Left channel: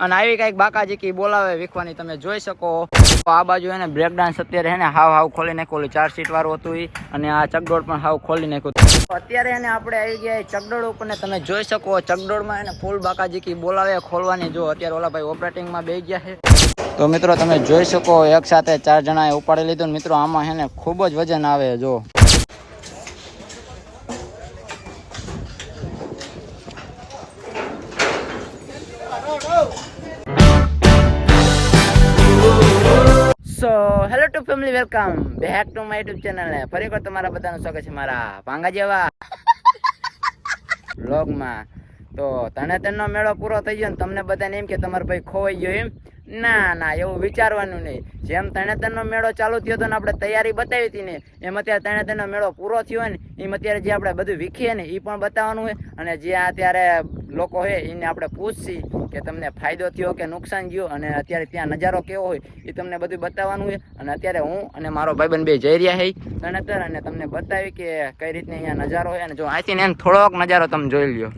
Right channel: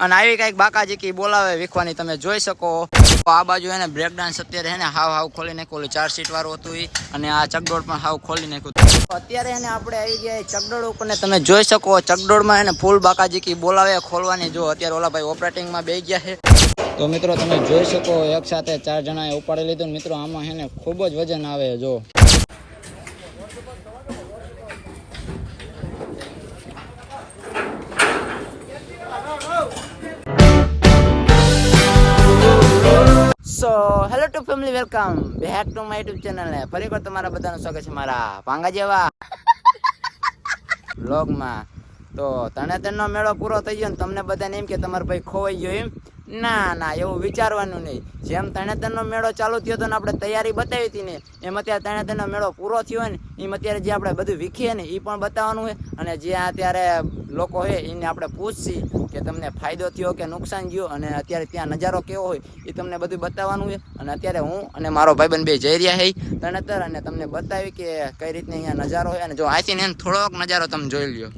અને આવી કઈક બાકાજી કી બોલાવે વીખવાની તમે જોઈ શકો। આ બાજુ એને બ્રેક ડાન્સ અત્યારે એને હાવ ખોલી નાખ્યું, 4 સીટ વાળું હતું ઈ, અને આ ચકડોળ પણ હાવ ખોલી નાખ્યું। અત્યારે એને આપણે આવી ગયા ચકડોળ ઉપર ને તમે જોઈ શકો ચકડોળમાં એને ફૂલ બાકાજી કી બોલાવે ખોલવાની। જો અત્યારે ઓલા ભાઈ ઓપરેટિંગમાં બેસી ગયા છે। તો મિત્રો તમે જોઈ શકો એક સાથે 4 જણાએ ઉપાડી લીધું ને મિત્રો આમાં એને ખૂબ જ વજન આવે। જો so hello two family, welcome back to my YouTube channel ને ફરી એકવાર તમારા બધાનું સ્વાગત છે મારા ભાંગા જેવા વ્લોગમાં। તો તરણેતરનો મેળો પૂરો થઈ ગયો ને તમને બધાને એમ કે તમારો ભાઈ ખોવાઈ ગયો એમ? ના ના, એવું વિચારવાનું નહીં। જેમ તરણેતરનો મેળો ચાલુ થયો હતો ને આપણે તૈયારી બતાવી હતી ને એમ અત્યારે તરણેતરનો મેળો પૂરો થયો હોય ને એમ અત્યારે જે આપણે બધું વીખીએ ને એ પણ બતાવવાનું હોય, અને જે અત્યારે લોકો હોય એને આપણે પૂછશી કે તમને ફાયદો થયો કે નુકસાન ગયો, અને અત્યારે ત્યાં નજારો કેવો હોય એ તમને બધું બતાવવાનું હોય। અને અત્યારે હું અને મારો ભાઈબંધ બે જઈ રહ્યા છે તરણેતર, અને તમને બતાવી કે કઈ રીતને અહીંયા નજારો હોય, અને જો આથી ને થોડોક નજારો તમે જોઈ લ્યો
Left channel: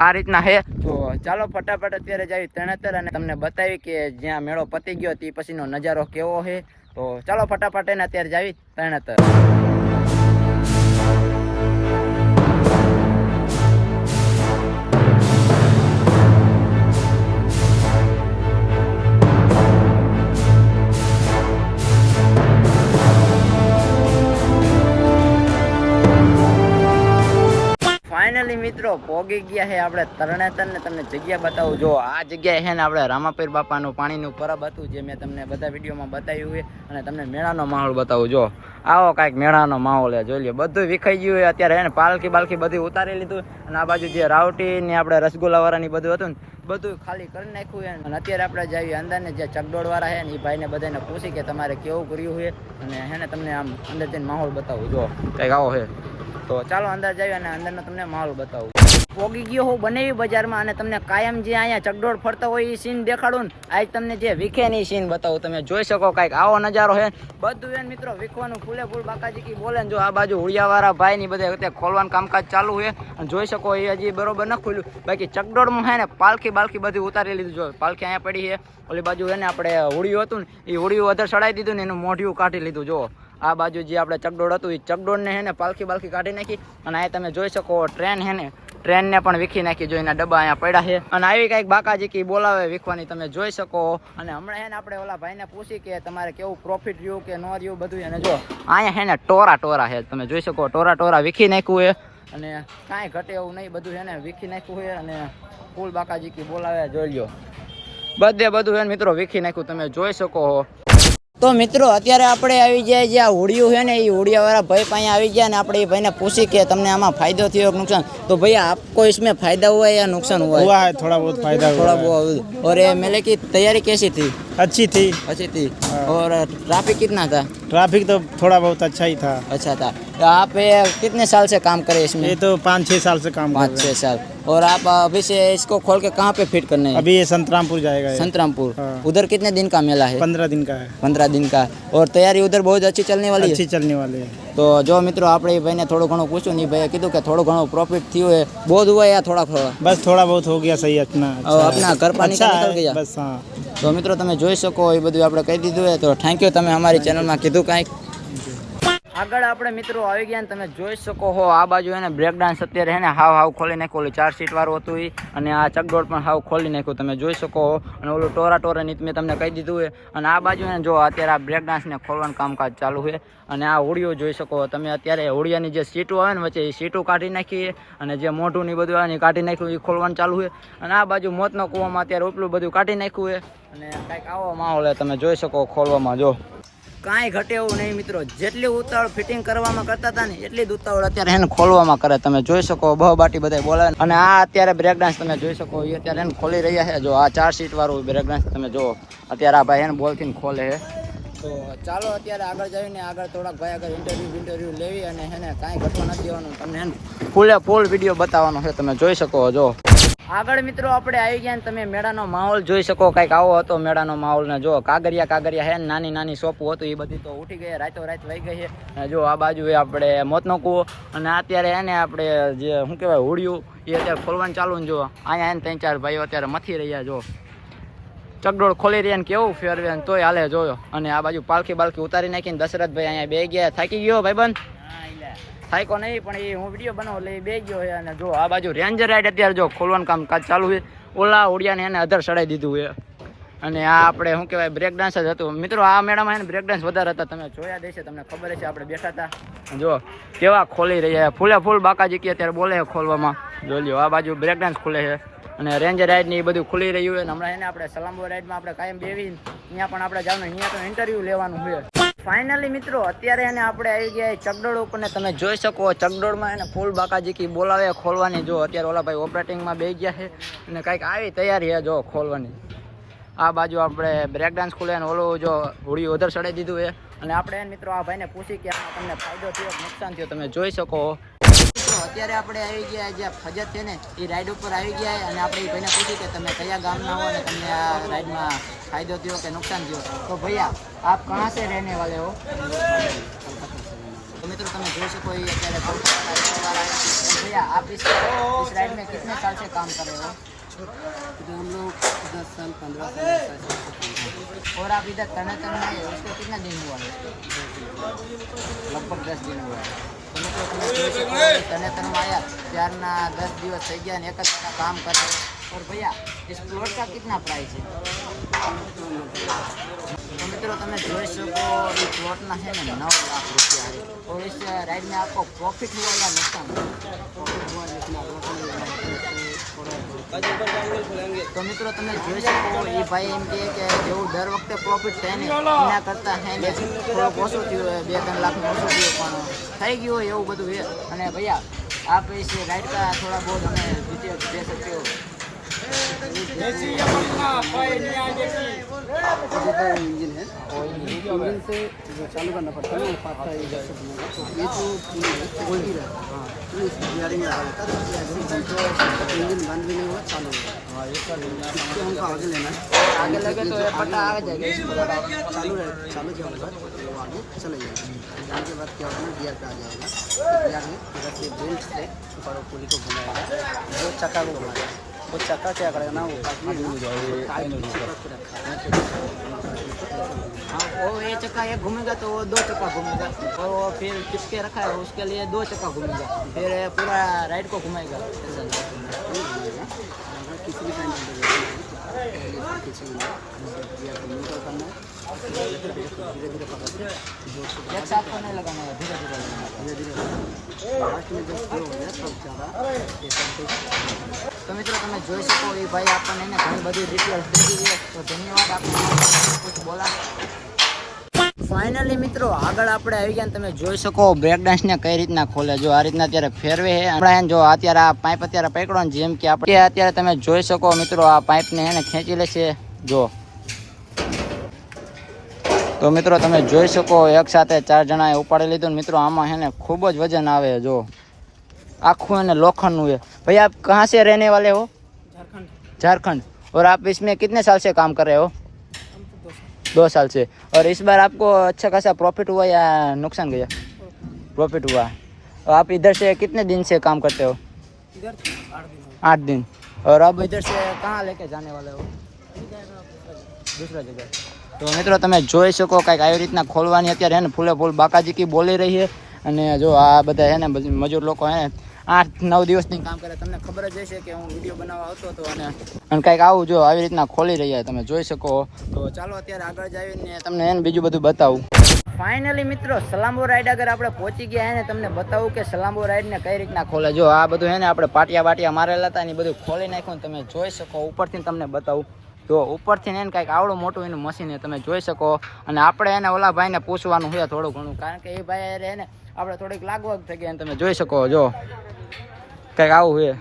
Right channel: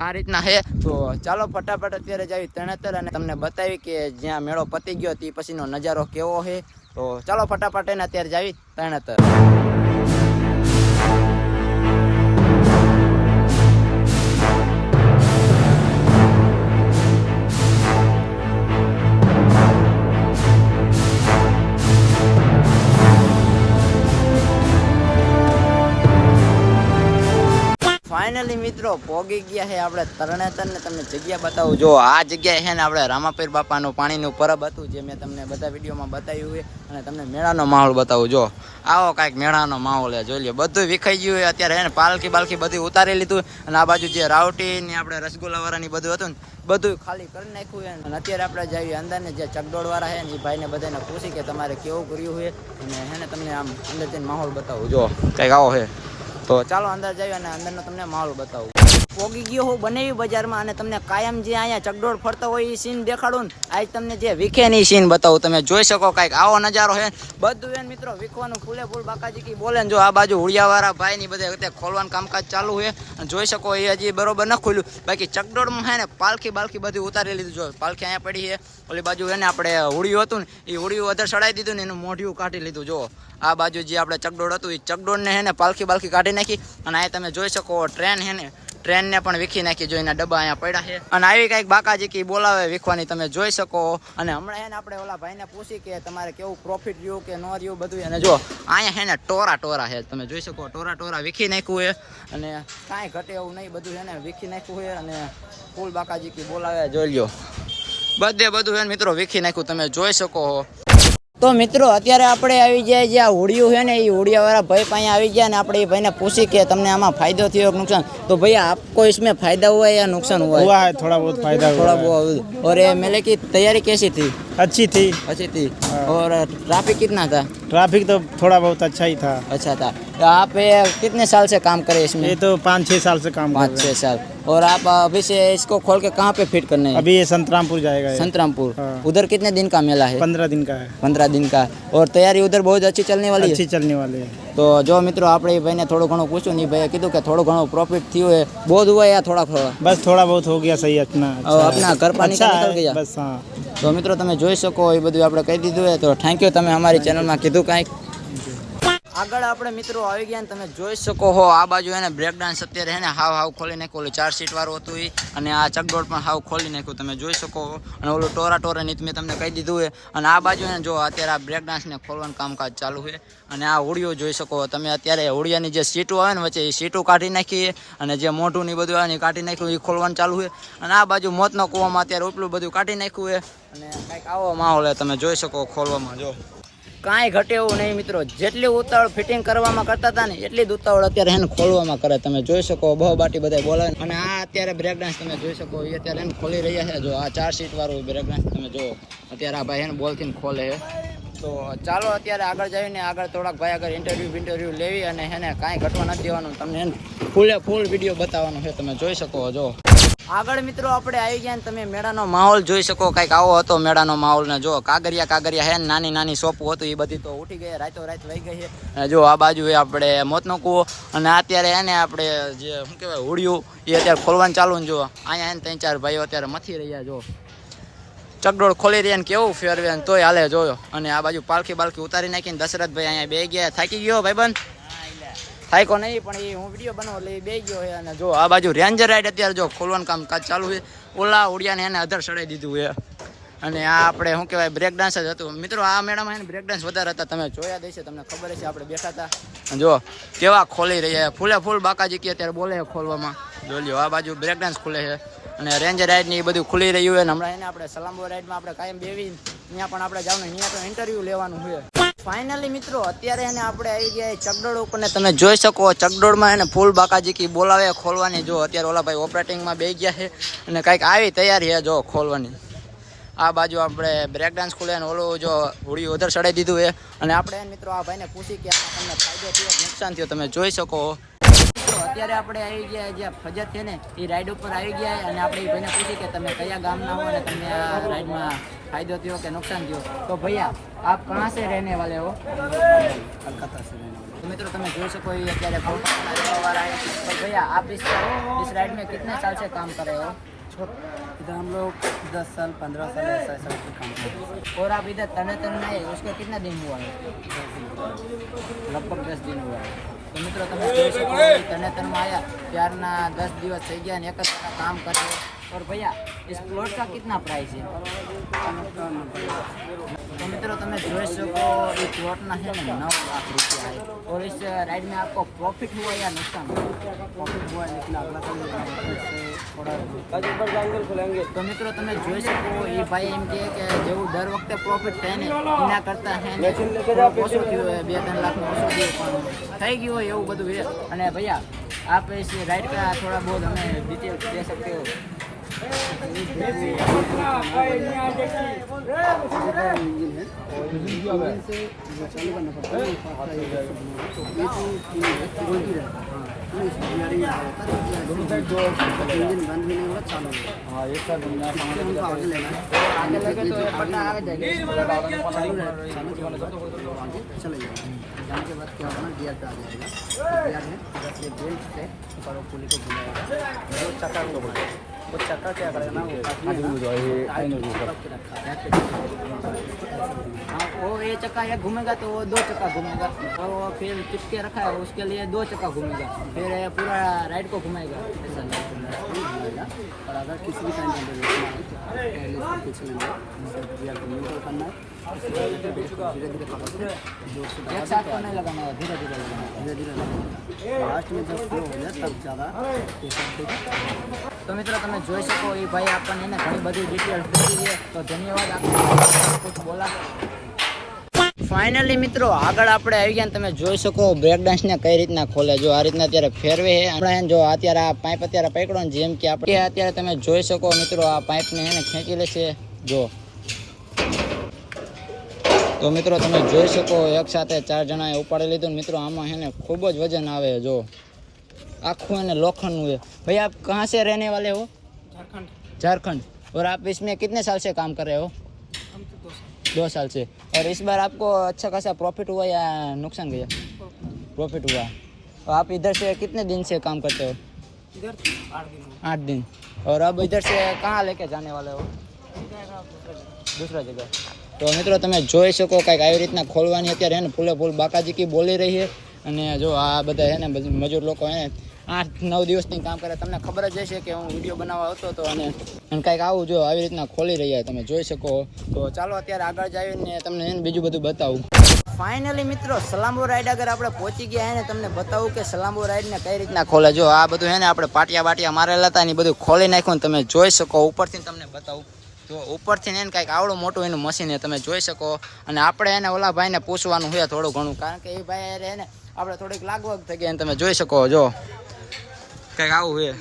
આ રીતના હે। તો ચાલો ફટાફટ અત્યારે જાવી તરણેતર અને તમને બતાવી કે જ્યાં મેળો પતી ગયો તે પછીનો નજારો કેવો છે। તો ચાલો ફટાફટ એને અત્યારે જાવી તરણેતર। ફાઇનલી મિત્રો પોગી ગયા છે આપણે તરણેતર ને તમને જગ્યા બતાવું। જો આ જગ્યાએ છે ને આપણે રામાપીર બાપાનું પાણીનું પરબ હતું જે મેં તમને બધા વિડીયોમાં બતાવ્યું હોય, અને તમને મેળાનો માહોલ બતાવું। જો આવો કાંઈક મેળાનો માહોલ છે, જોઈ લો બધું વિખાઈ ગયું હોય અત્યારે છે ને, પાલખી બાલખી બધું ઉતારી લીધું, અને આ બાજુ જે રાવટી ને આપણે રસગુલ્લા વાળાની બધું હતું ને બધું ખાલી કરી નાખ્યું છે। અને અત્યારે આપણે જઈએ અંદર ને જે ચકડોળ વાળા છે ને એ ભાઈને બધાને પૂછી કે તમારે કેવું કર્યું છે, અને હે ને તમને આમ અંદર જઈને માહોલ બતાવું। જો કંઈક આવો છે, તો ચાલો અંદર જઈએ અને અંદરનો તમને માહોલ બતાવું। પોગી ગયો હું બનેવી બજારમાં, અને તમને કાયમ જે અહીંયા ચકડોળ ફરતા હોય એ સીન દેખાડું ને આજ તમને જે વીખેની સીન બતાવું। તમે જોઈ શકો કાંઈક આવો નજારો છે બધું એને મિત્રો વીખવાનું ફૂલે ફૂલ બાકાજી કી બોલે ને। જો આ બાજુ હુડિયાવાળા ભાઈ ની બધા અત્યારે ખોલવાનું કામકાજ ચાલુ છે, અને જોઈ શકો એ હજી બરોબર ન ખુલ્યું। બાકી ચકડોળમાં છે ને પાલખી બાલખી બધી ઉતારી લીધું। જો પાલખી અહીંયા પડી છે, ઓલી બાજુ એને આપણે હોડિયું હતું ને એ હોડિયું અધર ચડાવી દીધું ને એનું મોઢિયું કાઢી લીધું। જો આ બાજુ જે આપણે ચકડોળ હતું એ ચકડોળને હે ને પાલખી બાલખી કાઢી નાખી, અને અહીંયા તમે જોઈ શકો ટ્રેન હે ને ટ્રેનને પણ વીખી નાખી। જો એના ડબ્બા અહીંયા પડ્યા છે, અને આવી કંઈક બાકાજી કી બોલાવે વીખવાની તમે જોઈ શકો। અને હમણાં એને આપણે ઓલા ભાઈને પૂછી કે તમારે કેવું પ્રોફિટ રહ્યું કે ન રહ્યું બધું, એને જો અહીંયા હે ને ટોરા છે તમે જોઈ શકો ટોરા વીખી નાખ્યું છે, અને કાંઈ ઘટે એવું નહીં, બધું એને વીખી નાખ્યું છે, અને ફૂલ બાકાજી કી બોલાવે જોઈ લો બધું એને મિત્રો વીખી નાખ્યું તમે જોઈ શકો। તો મિત્રો અત્યારે આપણે આવી જાય જે આ હોડિયું છે ને એ હોડિયાવાળા ભાઈ પાસે આવી ગયા, ને આપણે એ ભાઈને પૂછી કે તમને આમાં फायदा થયો કે नुकसान। तो भैया आपको इसमें फायदा हुआ है या नुकसान हुआ है? थोड़ा बहुत फायदा थोड़ा बहुत। और ये मेले की तैयारी कैसी थी? अच्छी थी। और ट्रैफिक कितना था? ट्रैफिक तो थोड़ा बहुत अच्छा ही था। अच्छा था। तो आप कितने साल से काम करे इसमें? ये तो 5-6 साल से काम 5-6 साल। और आप अभी से इसको खोल के कहाँ पे फिट करने हैं? अभी ये संतरामपुर जाएगा। संतरामपुर। उधर कितने दिन का मेला है? 15 दिन का है। 15 दिन का। और तैयारी उधर बहुत अच्छी चलने वाली है? अच्छी चलने वाली है। तो जो मित्रों આપણે એ ભાઈને થોડું ઘણું પૂછ્યું ને ભાઈએ કીધું કે થોડું ઘણું પ્રોફિટ થયું है, बहुत हुआ या थोड़ा? बस थोड़ा बहुत हो गया सही अपना अपना घर पानी का निकल गया बस। हाँ तो મિત્રો તમે જોઈ શકો એ બધું આપણે કહી દીધું है। તો થેન્ક યુ તમે અમારી ચેનલમાં કીધું કાંઈક। આગળ આપણે મિત્રો આવી ગયા ને તમે જોઈ શકો હો આ બાજુ એને બ્રેક ડાન્સ અત્યારે હે ને હાવ ખોલી નાખ્યું, ઓલું 4 સીટ વાળું હતું ઈ, અને આ ચકડોળ પણ હાવ ખોલી નાખ્યું તમે જોઈ શકો। અને ઓલું ટોરા ની મેં તમને કહી દીધું છે, અને આ બાજુ એને જો અત્યારે આ બ્રેક ડાન્સને ખોલવાનું કામકાજ ચાલુ છે। અને આ હોડિયો જોઈ શકો તમે અત્યારે હોડિયાની જે સીટો આવે ને વચ્ચે એ સીટો કાઢી નાખી, અને જે મોઢું ની બધું આવે ને કાઢી નાખ્યું એ ખોલવાનું ચાલુ છે। અને આ બાજુ મોતનો કૂવામાં અત્યારે ઉપલું બધું કાઢી નાખ્યું છે, અને કાંઈક આવો માહોલ તમે જોઈ શકો ખોલવામાં। જો કાંઈ ઘટે એવું નહીં મિત્રો, જેટલી ઉતાવળ ફિટિંગ કરવામાં કરતા હતા ને એટલી જ ઉતાવળ અત્યારે એને ખોલવામાં કરે તમે જોઈ શકો। બહુ બાટી બધા બોલાવે, અને આ અત્યારે બ્રેક ડાન્સ તમે જોઈ શકો એ અત્યારે એને ખોલી રહ્યા છે। જો આ 4 સીટ વાળું બ્રેક ડાન્સ તમે જો અત્યારે આ ભાઈ એને બોલથી ખોલે છે। તો ચાલો અત્યારે આગળ જઈને આગળ થોડાક ભાઈ આગળ ઇન્ટરવ્યૂ લેવી, અને એને કાંઈ ઘટવા નથી દેવાનું, તમને ફૂલ વિડીયો બતાવવાનો છે તમે જોઈ શકો। જો આગળ મિત્રો આપણે આવી ગયા ને તમે મેળાનો માહોલ જોઈ શકો, કંઈક આવો હતો મેળાનો માહોલ ને। જો કાગરિયા હે નાની સોપો હતું એ બધી તો ઉઠી ગઈ, રાતો રાત લઈ ગઈ છે। અને જો આ બાજુ એ આપણે મોતનો કૂવો, અને અત્યારે એને આપણે જે શું કહેવાય હોડિયું એ અત્યારે ખોલવાનું ચાલુ ને। જો અહીંયા એને 3-4 ભાઈઓ અત્યારે મથી રહ્યા। જો ચકડોળ ખોલી રહ્યા ને કેવું ફેરવે ને તોય હાલે જોયો. અને આ બાજુ પાલખી ઉતારી નાખીને દશરથભાઈ અહીંયા બે ગયા. થાકી ગયો ભાઈબંધ? થાક્યો નહીં, પણ એ હું વિડીયો બનાવો એટલે એ બે ગયો છે. અને જો આ બાજુ રેન્જર રાઈડ અત્યારે જો ખોલવાનું કાજ ચાલુ છે. ઓલા ઓડિયાને એને અધર ચડાવી દીધું છે. અને આ આપણે શું કહેવાય બ્રેક ડાન્સ જ હતું મિત્રો. આ મેળામાં એને બ્રેક ડાન્સ વધારે હતા, તમે જોયા દેશે, તમને ખબર હશે. આપણે બેઠા હતા, જો કેવા ખોલી રહ્યા ફૂલે ફૂલ. બાકાજી કે અત્યારે બોલે છે ખોલવામાં. જો લ્યો આ બાજુ બ્રેક ડાન્સ ખુલે છે અને રેન્જર રાઈડ ને એ બધું ખુલી રહ્યું છે. હમણાં એને આપણે સલામબો રાઈડમાં આપણે કાયમ બેવી ત્યાં પણ આપણે જવાનું, અહીંયા તો ઇન્ટરવ્યુ લેવાનું છે. ફાઇનલી મિત્રો અત્યારે એને આપણે આવી ગયા ચકડોળ ઉપર ને તમે જોઈ શકો ચકડોળમાં એને ફૂલ બાકાજી કી બોલાવે ખોલવાની. જો અત્યારે ઓલા ભાઈ ઓપરેટિંગમાં બે ગયા છે અને કંઈક આવી તૈયારી છે જો ખોલવાની. આ બાજુ આપણે બ્રેક ડાન્સ ખુલે ને ઓલું જો હોળી ઉધર ચડાવી દીધું છે. અને આપણે મિત્રો આ ભાઈને પૂછી કે આમાં તમને ફાયદો થયો નુકસાન થયો, તમે જોઈ શકો. મિત્રો અત્યારે આપણે આવી ગયા જે ફજત છે ને એ રાઈડ ઉપર આવી ગયા અને આપણે એ ભાઈને પૂછી કે તમે કયા ગામના હો અને તમને આ રાઈડમાં ફાયદો થયો કે नुकसान થયો. તો भैया आप कहाँ से रहने वाले हो? कलकत्ता से रहने वाले. तो મિત્રો તમે જોઈ શકો એ અત્યારે कोलकाता है. तो भैया आप इस राइड में कितने साल से काम कर रहे हो? इधर हम लोग 10 साल 15 साल ऐसा काम करते हैं. और आप इधर तनेतर में आए उसके कितना दिन हुआ है? लगभग 10 दिन हुआ है. तो મિત્રો તમે જોઈ શકો તનેતરમાં આવ્યા ત્યારના 10 દિવસ થઈ ગયા અને એક જ જણા કામ કરે. और भैया इस प्लॉट का कितना प्राइस है? तो मित्रों તમે જોઈ શકો ये प्लॉट ना है ना 9 लाख रुपया है. और इस राइड में आपको प्रॉफिट हुआ या नुकसान? प्रॉफिट हुआ है लेकिन अगला साल लेना है तो उससे थोड़ा. तो मित्रों તમે જોઈ શકો એ ભાઈ એમ કહે કે જેવું દર વખતે પ્રોફિટ થાય ને એના કરતા હે ને થોડુંક ઓછું થયું હોય, 2-3 લાખનું ઓછું થયું પણ થઈ ગયું હોય એવું બધું છે. અને भैया आप इस राइड का थोड़ा बहुत हमें डिटेल दे सकते हो? इंजन है इंजन से जो चालू करना पड़ता है ना 5 का 1 घूमेगा. तो ये जो पुली है गोल्डी रहता है तो इस गियरिंग लगा देता है तो ऐसे जो इंजन बंद भी नहीं हुआ चालू होगा. इससे हमको आगे लेना है. आगे लगे तो आगे जाएगा चालू किया होगा तो आगे चले जाएगा. जाने के बाद क्या होगा गियर पे आ जाएगा. गियर है इधर से बेल्ट से और पुली को घुमाएगा. जो चक्का तो चक्का क्या करेगा ना वो काफी है ना टाइट चिपक के रखा है. हाँ वो ये चक्का एक घूमेगा तो वो 2 चक्का घूमेगा और वो फिर चिपके रखा है उसके लिए 2 चक्का घूमेगा फिर पूरा राइड को घुमाएगा. घुमाएगा. और अगर किसी भी टाइम पर रोकना है तो पहले पीछे लेना है, गियर को न्यूट्रल करना है, धीरे धीरे पकड़ के जोर से एक साथ तो नहीं लगाना है, धीरे धीरे लगाना है. धीरे धीरे लगाना है. लास्ट में जब स्लो हो जाए तब ज़्यादा ये सब. तो મિત્રો તમે જોઈ શકો એ ભાઈ આપણને એને ઘણી બધી ડિટેલ્સ દઈ છે. તો ધન્યવાદ આપનો કુછ બોલા. ફાઇનલી મિત્રો આગળ આપણે આવી ગયા ને તમે જોઈ શકો બ્રેક ડાન્સ ને કઈ રીતના ખોલે. જો આ રીતના અત્યારે ફેરવે છે. આપણે જો અત્યારે આ પાઇપ અત્યારે પકડો ને જેમ કે આપણે અત્યારે તમે જોઈ શકો મિત્રો આ પાઇપને એને ખેંચી લેશે. જો તો મિત્રો તમે જોઈ શકો એક સાથે 4 જણાએ ઉપાડી લીધું ને મિત્રો આમાં છે ને ખૂબ જ વજન આવે. જો आँखों ने लोखंड हुए. भैया आप कहाँ से रहने वाले हो? झारखंड. झारखंड. और आप इसमें कितने साल से काम कर रहे हो? हम तो 2 साल से. और इस बार आपको अच्छा खासा प्रॉफिट हुआ या नुकसान गया? प्रॉफिट हुआ. और आप इधर से कितने दिन से काम करते हो? इधर 8 दिन. 8 दिन. और अब इधर से कहाँ लेके जाने वाले हो? दूसरा जगह. तो મિત્રો તમે જોઈ શકો કંઈક આવી રીતના ખોલવાની અત્યારે હે ને ફૂલે ફૂલ બાકાજી કી બોલી રહી છે. અને જો આ બધા હે ને મજૂર લોકો હે 8-9 દિવસથી કામ કરે. તમને ખબર જ હશે કે હું વિડીયો બનાવવા આવતો હતો અને કંઈક આવું જો આવી રીતના ખોલી રહ્યા તમે જોઈ શકો. તો ચાલો અત્યારે આગળ જઈને તમને એને બીજું બધું બતાવું. ફાઇનલી મિત્રો સલામબો રાઈડ આગળ આપણે પહોંચી ગયા હે ને તમને બતાવું કે સલામબો રાઈડ ને કઈ રીતના ખોલે. જો આ બધું હે ને આપણે પાટિયા મારેલા હતા ને બધું ખોલી નાખ્યું ને તમે જોઈ શકો. ઉપરથી તમને બતાવું તો ઉપરથી એને કંઈક આવડું મોટું એનું મશીન તમે જોઈ શકો. અને આપણે એને ઓલા ભાઈને પૂછવાનું હોય થોડું ઘણું કારણ કે એ ભાઈ એને આપણે થોડીક લાગવગ થઈ ગઈ તમે જોઈ શકો. જો કંઈક આવું હોય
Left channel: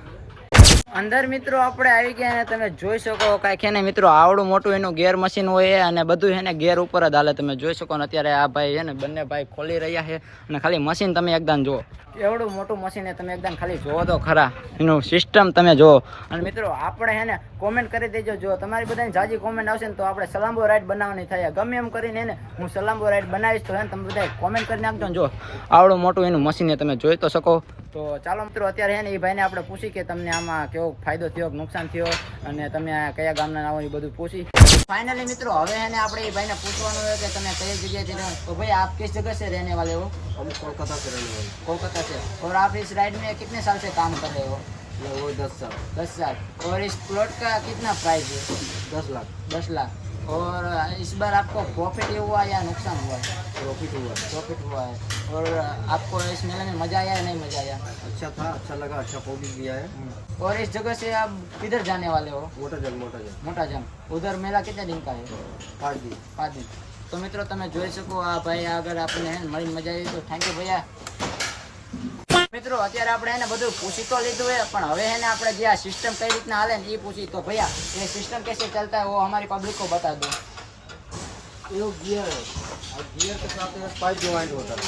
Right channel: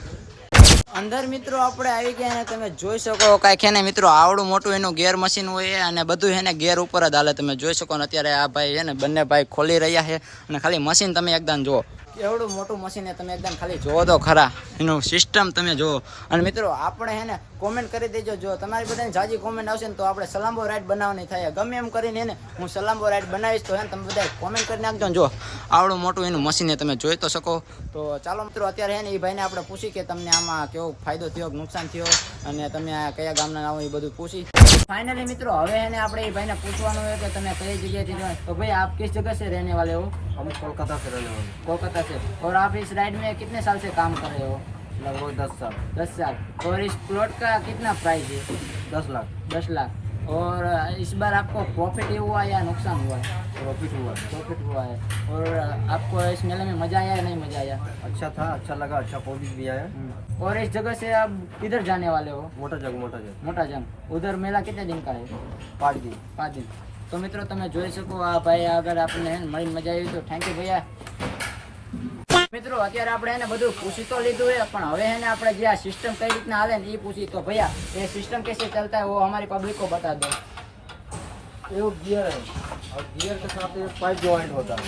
અંદર મિત્રો આપણે આવી ગયા અને તમે જોઈ શકો કંઈક છે ને મિત્રો આવડું મોટું એનું ગેર મશીન હોય અને બધું છે ને ગેર ઉપર જ હાલે. તમે જોઈ શકો ને અત્યારે આ ભાઈ છે ને બંને ભાઈ ખોલી રહ્યા છે અને ખાલી મશીન તમે એકદમ જુઓ એવડું મોટું મશીન તમે એકદમ ખાલી જોવો તો ખરા એનું સિસ્ટમ તમે જુઓ. અને મિત્રો આપણે હે ને કોમેન્ટ કરી દેજો. જો તમારી બધાની જાજી કોમેન્ટ આવશે ને તો આપણે સલામબો રાઈડ બનાવવાની થાય. ગમે એમ કરીને ને હું સલામબો રાઈડ બનાવીશ તો હે ને તમે બધા કોમેન્ટ કરી નાખજો ને. જો આવડું મોટું એનું મશીન તમે જોઈ તો શકો. તો ચાલો મિત્રો અત્યારે હે ને એ ભાઈને આપણે પૂછી કે તમને આમાં કેવો ફાયદો થયો નુકસાન થયો અને તમે કયા ગામના આવો એ બધું પૂછી. फाइनली मित्रों હવે એને આપણે એ ભાઈને પૂછવાનું છે કે તમે કઈ જગ્યાએથી રહો તો ભાई आप किस जगह से रहने वाले हो? हम कोलकाता से रहने वाले कोलकाता से। और आप इस राइड में कितने साल से काम कर रहे हो? लगभग 10 साल 10 साल। और इस प्लॉट का कितना प्राइस है? 10 लाख 10 लाख। और इस बार आपको प्रॉफिट हुआ या नुकसान हुआ है? प्रॉफिट हुआ। प्रॉफिट हुआ है। और आपको इस मेले में मजा आया या नहीं मजा आया? अच्छा था, अच्छा लगा, अच्छा पब्लिक भी आया। और इस जगह से आप किधर जाने वाले हो? मोटा जंग मोटा जंग। उधर मेला कितने दिन का है? 5 दिन। 5 दिन। तो मित्रों તમે જોઈ શકો આ ભાઈ અગર આપને મળીને મજા આવી તો થેન્ક યુ ભૈયા। મિત્રો અત્યારે આપણે એને બધું પૂછી તો લીધું है પણ હવે એને આપણે જે આ સિસ્ટમ કઈ રીતના હાલે ને એ પૂછી તો ભૈया ये सिस्टम कैसे चलता है वो हमारी पब्लिक को बता दो। ये गियर है और गियर के साथ एक पाइप ज्वाइंट होता है।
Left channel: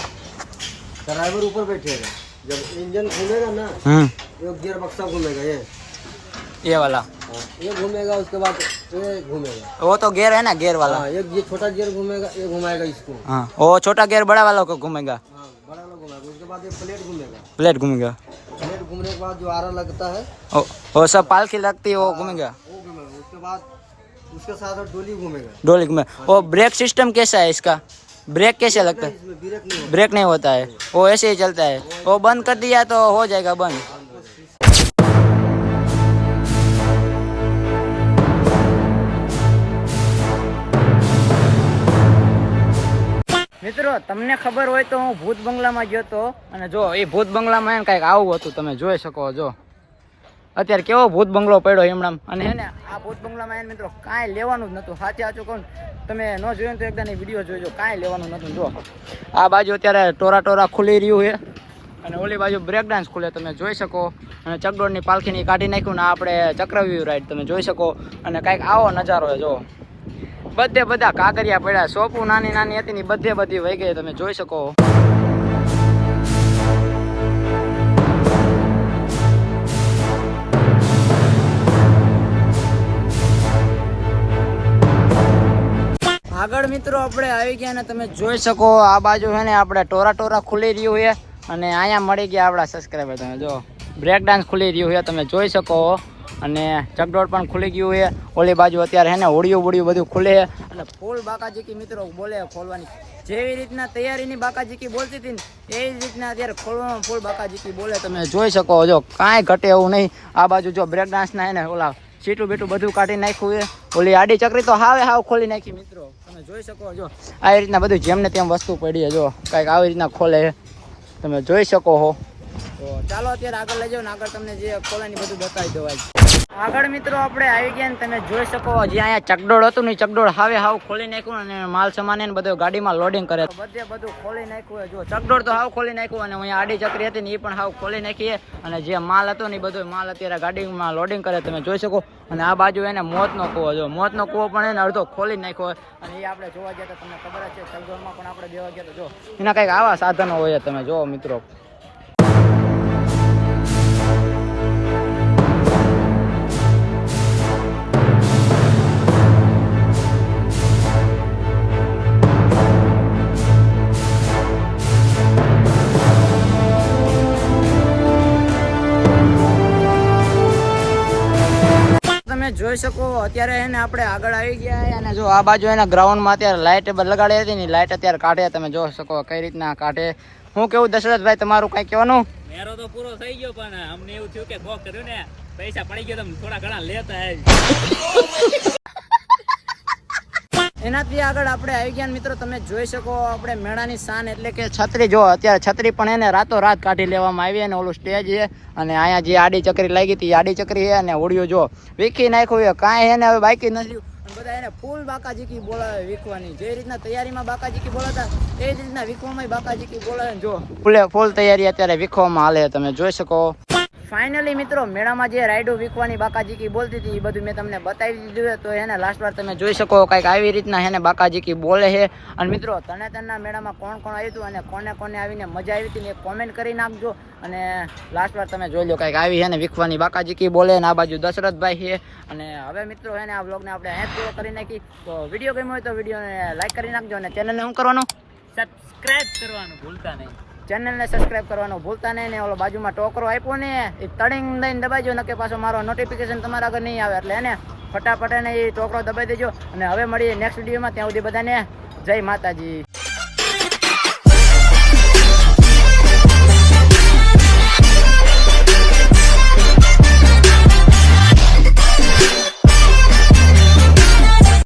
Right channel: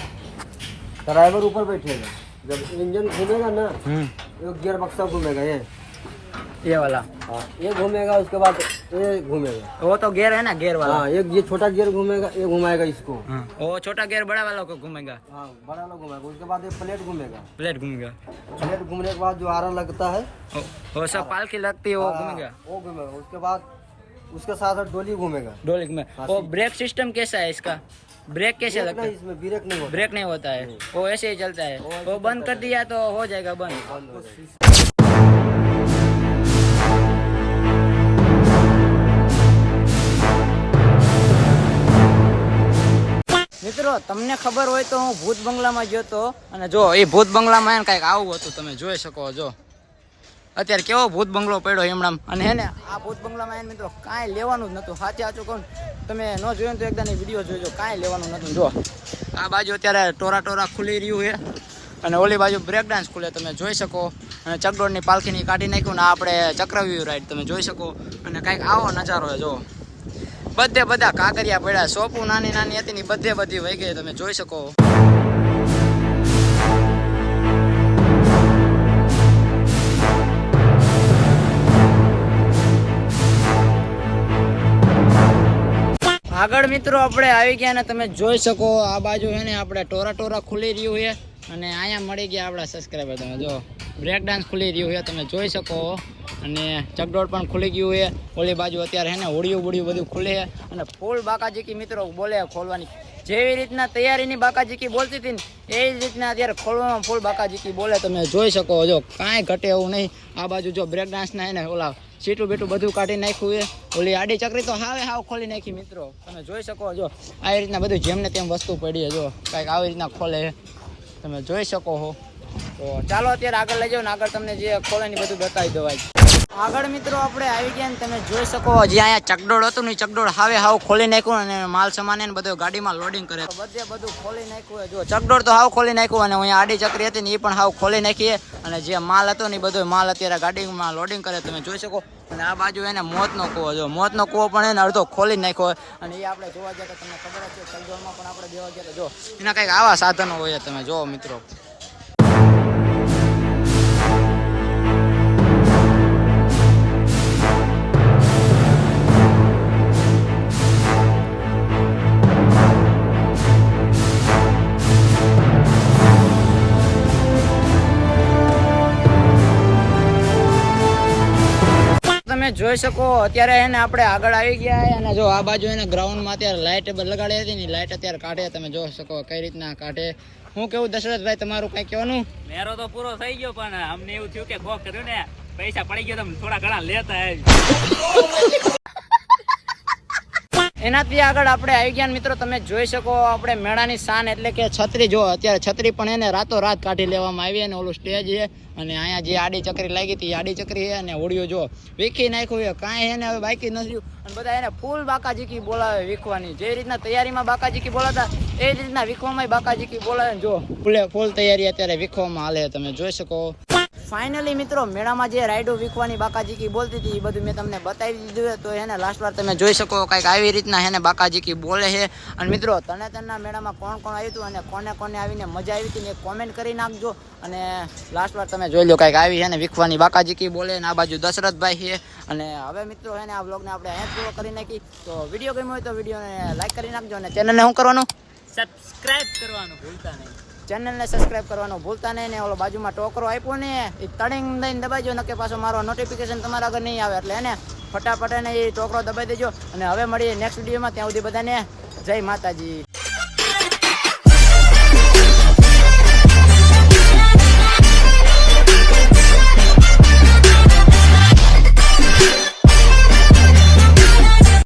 ड्राइवर ऊपर बैठेगा, जब इंजन घूमेगा ना ये गियर बक्सा घूमेगा, ये वाला हाँ ये घूमेगा, उसके बाद ये घूमेगा। वो तो गियर है ना गियर वाला। हाँ ये छोटा गियर घूमेगा, ये घुमाएगा इसको। हाँ वो छोटा गियर बड़ा वाला को घूमेगा। हाँ बड़ा वाला घुमाएगा, उसके बाद ये प्लेट घूमेगा। प्लेट घूमेगा। प्लेट घूमने के बाद जो आरा लगता है वो सब पालकी लगती है वो घूमेगा। वो घूमेगा, उसके बाद उसके साथ डोली घूमेगा। डोली में वो ब्रेक सिस्टम कैसा है इसका? ब्रेक कैसे लगता है? इसमें ब्रेक नहीं होता। ब्रेक नहीं होता है, वो ऐसे ही चलता है। वो बंद कर दिया तो हो जाएगा बंद। बंद हो जाएगा। મિત્રો તમને ખબર હોય તો હું ભૂત બંગલામાં ગયો તો અને જો એ ભૂત બંગલામાં એને કંઈક આવું હતું તમે જોઈ શકો છો। અત્યારે કેવો ભૂત બંગલો પડ્યો એમણામ અને એને આ ભૂત બંગલામાં એને મિત્રો કાંઈ લેવાનું જ નહોતું। સાચે સાચું કહું તમે ન જોયું તો એકદાની વિડીયો જોઈજો, કાંઈ લેવાનું નહોતું। જો આ બાજુ અત્યારે ટોરા ખુલી રહ્યું છે અને ઓલી બાજુ બ્રેક ડાન્સ ખુલે તમે જોઈ શકો અને ચકડોળની પાલખીની કાઢી નાખ્યું ને આપણે ચક્રવ્યૂહ રાઈડ તમે જોઈ શકો અને કાંઈક આવો નજારો છે। જો બધે બધા કાંકરિયા પડ્યા, સોપું નાની નાની હતી ને બધે બધી વહી ગઈ તમે જોઈ શકો। આગળ મિત્રો આપણે આવી ગયા ને તમે જોઈ શકો આ બાજુ છે ને આપણે ટોરા ખુલી રહ્યું છે અને અહીંયા મળી ગયા આપણા સબસ્ક્રાઈબર। તમે જો બ્રેક ડાન્સ ખુલી રહ્યું છે તમે જોઈ શકો અને ચકડોળ પણ ખુલી ગયું છે। ઓલી બાજુ અત્યારે હે ને હોડિયું બધું ખુલે છે અને ફૂલ બાકાજીકી મિત્રો બોલે ખોલવાની જેવી રીતના તૈયારીની બાકાજીકી બોલતી હતી ને એ જ રીતના અત્યારે ખોલવામાં ફૂલ બાકાજીકી બોલે તમે જોઈ શકો। જો કાંઈ ઘટે એવું નહીં। આ બાજુ જો બ્રેક ડાન્સના હે ને ઓલા સીટું બીટું બધું કાઢી નાખ્યું છે। ઓલી આડી ચકરી તો હાવ ખોલી નાખી મિત્રો તમે જોઈ શકો। જો આવી રીતના બધું જેમને તેમ વસ્તુ પડી છે, જો કાંઈક આવી રીતના ખોલે છે તમે જોઈ શકો છો। તો ચાલો અત્યારે આગળ લઈ જાઓ ને આગળ તમને જે ખોલાની બધું બતાવી દો। આગળ મિત્રો આપણે આવી ગયા ને તમે જોઈ શકો જે અહીંયા ચકડોળ હતું ને ચકડોળ હાવ ખોલી નાખ્યું અને માલ સામાન ને બધું ગાડીમાં લોડિંગ કરે બધું ખોલી નાખ્યું। જો ચકડોળ તો હાવ ખોલી નાખ્યું અને અહીંયા આડી ચકરી હતી ને એ પણ હાવ ખોલી નાખી અને જે માલ હતો ને એ બધો માલ અત્યારે ગાડીમાં લોડિંગ કરે તમે જોઈ શકો। અને આ બાજુ એને મોતનો કૂવો, જો મોતનો કૂવો પણ એને અડધો ખોલી નાખ્યો અને એ આપણે જોવા ગયા તો તમને ખબર જ છે ચકડોળમાં પણ આપણે દેવા ગયા તો જો એના કંઈક આવા સાધનો હોય તમે જો મિત્રો। તમે જોઈ શકો અત્યારે એને આપણે આગળ આવી ગયા અને જો આ બાજુ એના ગ્રાઉન્ડમાં અત્યારે લાઇટ લગાડી હતી ને લાઇટ અત્યારે કાઢે તમે જોઈ શકો કઈ રીતના કાઢે। હું કેવું દશરથભાઈ તમારું કઈ કહેવાનું? મેરો તો પૂરો થઈ ગયો પણ અમને એવું થયું કે કોક કર્યું ને પૈસા પડી ગયા તમે થોડા ઘણા લેતા આવી। એનાથી આગળ આપણે આવી ગયા મિત્રો તમે જોઈ શકો આપણે મેળાની શાન એટલે કે છત્રી। જો અત્યારે છત્રી પણ એને રાતોરાત કાઢી લેવામાં આવી અને ઓલું સ્ટેજ છે અને અહીંયા જે આડી ચકરી લાગી હતી આડી ચકરી છે અને હોડિયો જો વીખી નાખ્યું છે કાંઈ એને હવે બાકી નથી અને બધા એને ફૂલ બાકાજીકી બોલાવે વીખવાની। જે રીતના તૈયારીમાં બાકાજીકી બોલાતા એ જ રીતના વીખવામાં બાકાજીકી બોલાવે જો ફૂલ તૈયારી અત્યારે વીખવામાં હાલે તમે જોઈ શકો। ફાઇનલી મિત્રો મેળામાં જે રાઈડો વીખવાની બાકાજીકી બોલતી હતી એ બધું મેં તમને બતાવી દીધું તો એને લાસ્ટ વાર તમે જોઈ શકો કંઈક આવી રીતના એને બાકાજીકી બોલે છે। અને મિત્રો તરણેતરના મેળામાં કોણ આવ્યું હતું અને કોને આવીને મજા આવી હતી એ કોમેન્ટ કરી નાખજો અને લાસ્ટ વાર તમે જોઈ લો કંઈક આવી એને વીખવાની બાકાજીકી બોલે અને આ બાજુ દશરથભાઈ છે। અને હવે મિત્રો એને આ વ્લોગને આપણે અહીંયા પૂરો કરી નાખી તો વિડીયો ગમ્યો હોય તો વિડીયોને લાઈક કરી નાખજો અને ચેનલને શું કરવાનું? સબસ્ક્રાઇબ કરવાનું ભૂલતા નહીં। ચેનલને સબસ્ક્રાઇબ કરવાનું ભૂલતા નહીં ને ઓલો બાજુમાં ટોકરો આપ્યો ને એ તળીને દઈને દબાઈજો નકે પાછો મારો નોટિફિકેશન તમારા આગળ નહીં આવે એટલે એને ફટાફટ એને એ ચોકડો દબાઈ દેજો અને હવે મળીએ નેક્સ્ટ વિડીયોમાં. ત્યાં સુધી બધાને જય માતાજી.